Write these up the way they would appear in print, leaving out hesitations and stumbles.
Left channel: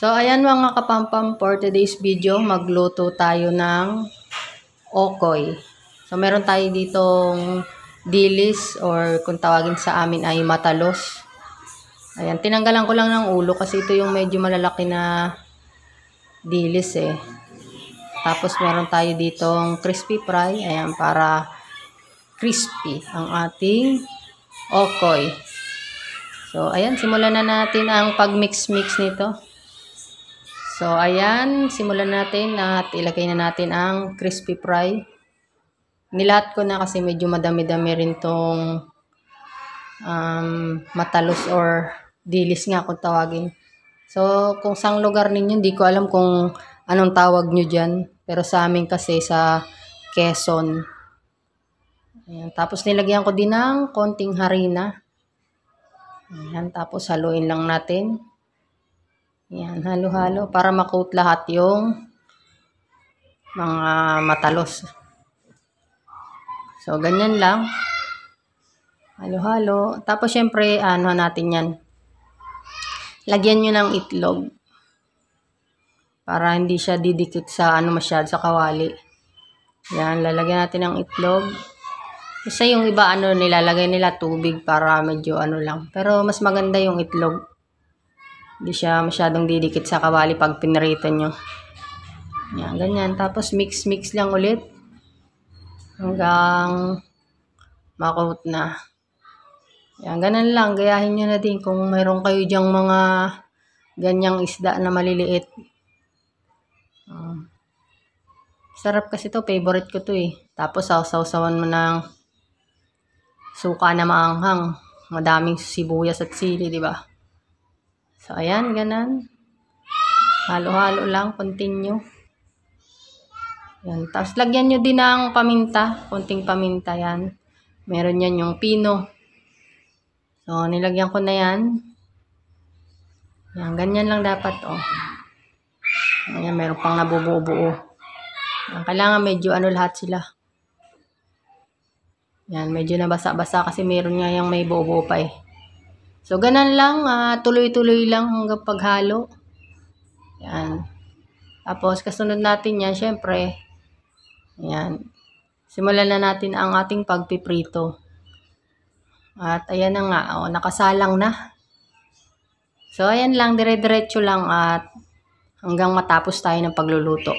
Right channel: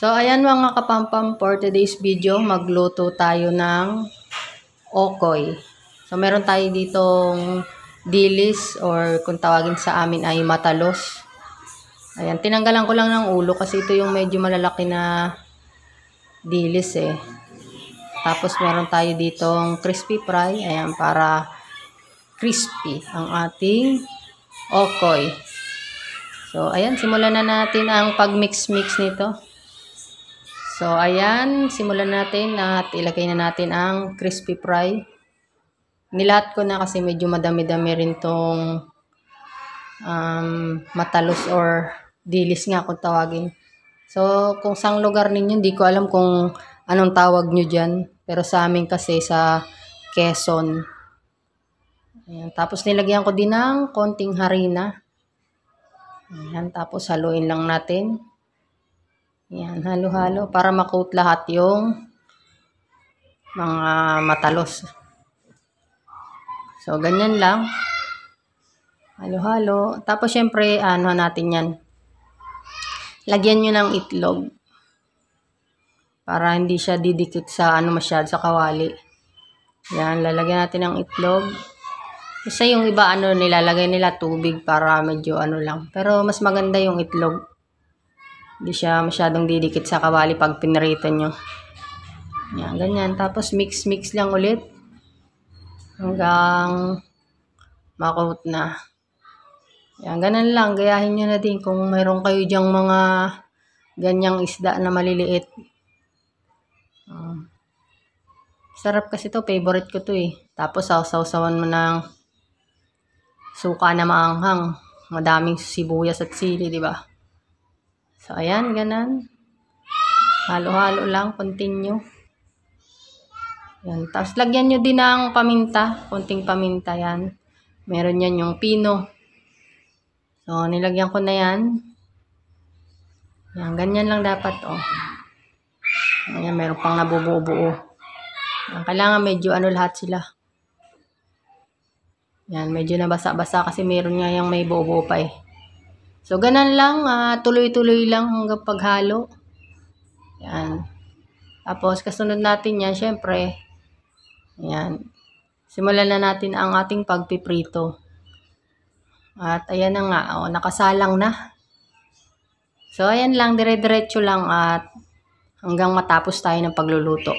So, ayan mga kapampam, for today's video, magluto tayo ng okoy. So, meron tayo ditong dilis or kung tawagin sa amin ay matalos. Ayan, tinanggalan ko lang ng ulo kasi ito yung medyo malalaki na dilis eh. Tapos, meron tayo ditong crispy fry. Ayan, para crispy ang ating okoy. So, ayan, simulan na natin ang pag-mix-mix nito. So, ayan, simulan natin at ilagay na natin ang crispy fry. Nilahat ko na kasi medyo madami-dami rin tong matalos or dilis nga kung tawagin. So, kung saang lugar ninyo, hindi ko alam kung anong tawag nyo dyan. Pero sa amin kasi sa Quezon. Ayan, tapos nilagyan ko din ng konting harina. Ayan, tapos haluin lang natin. Ayan, halo-halo para makoat lahat yung mga matalos. So, ganyan lang. Halo-halo. Tapos, syempre, ano natin yan. Lagyan nyo ng itlog. Para hindi siya didikit sa ano masyado sa kawali. Yan, lalagyan natin ng itlog. Kasi yung iba, nilalagay nila tubig para medyo ano lang. Pero, mas maganda yung itlog. Hindi siya masyadong didikit sa kawali pag pinirito nyo. Yan, ganyan. Tapos, mix-mix lang ulit. Hanggang makoat na. Yan, ganun lang. Gayahin nyo na din kung mayroon kayo dyang mga ganyang isda na maliliit. Sarap kasi to. Favorite ko to eh. Tapos, sausawan mo ng suka na maanghang. Madaming sibuyas at sili, di ba? So, ayan, ganun. Halo-halo lang. Continue. Yan. Tapos, lagyan nyo din ng paminta. Konting paminta yan. Meron yan yung pino. So, nilagyan ko na yan. Yan, ganyan lang dapat, oh. Ayan, meron pang nabubuo-buo. Yan, kailangan medyo lahat sila. Yan, medyo nabasa-basa kasi meron nga yung may buo-buo pa eh. So, ganun lang. Tuloy-tuloy lang hanggang paghalo. Yan. Tapos, kasunod natin yan, syempre. Yan. Simulan na natin ang ating pagpiprito. At ayan na nga, oh, nakasalang na. So, ayan lang, dire-diretso lang at hanggang matapos tayo ng pagluluto.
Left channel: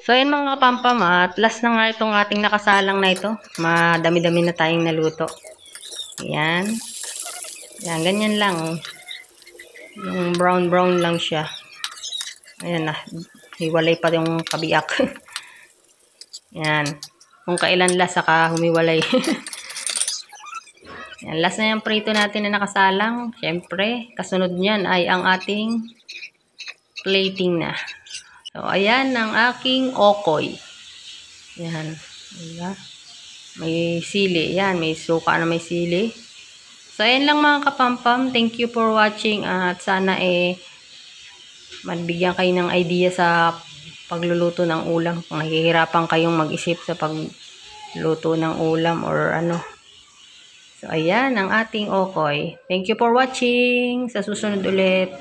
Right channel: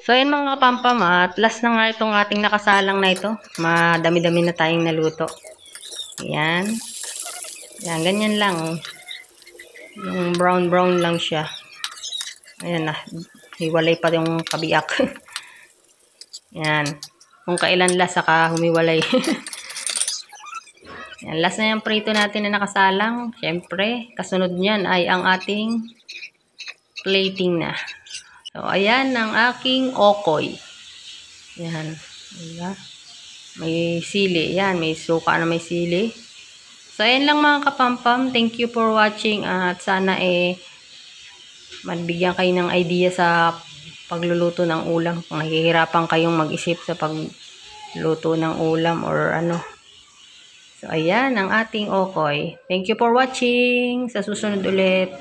So, ayan mga kapampam, at last na nga itong ating nakasalang na ito. Madami-dami na tayong naluto. Ayan. Ayan, ganyan lang. Yung brown-brown lang siya. Ayan na. Hiwalay pa yung kabiyak. Ayan. Kung kailan last, saka humiwalay. Ayan, last na yung prito natin na nakasalang. Siyempre, kasunod niyan ay ang ating plating na. So, ayan ang aking okoy. Ayan. Diba? May sili. Ayan, may suka na may sili. So, ayan lang mga kapampam. Thank you for watching. At sana magbigyan kayo ng idea sa pagluluto ng ulam. Kung nahihirapan kayong mag-isip sa pagluto ng ulam or ano. So, ayan ang ating okoy. Thank you for watching. Sa susunod ulit.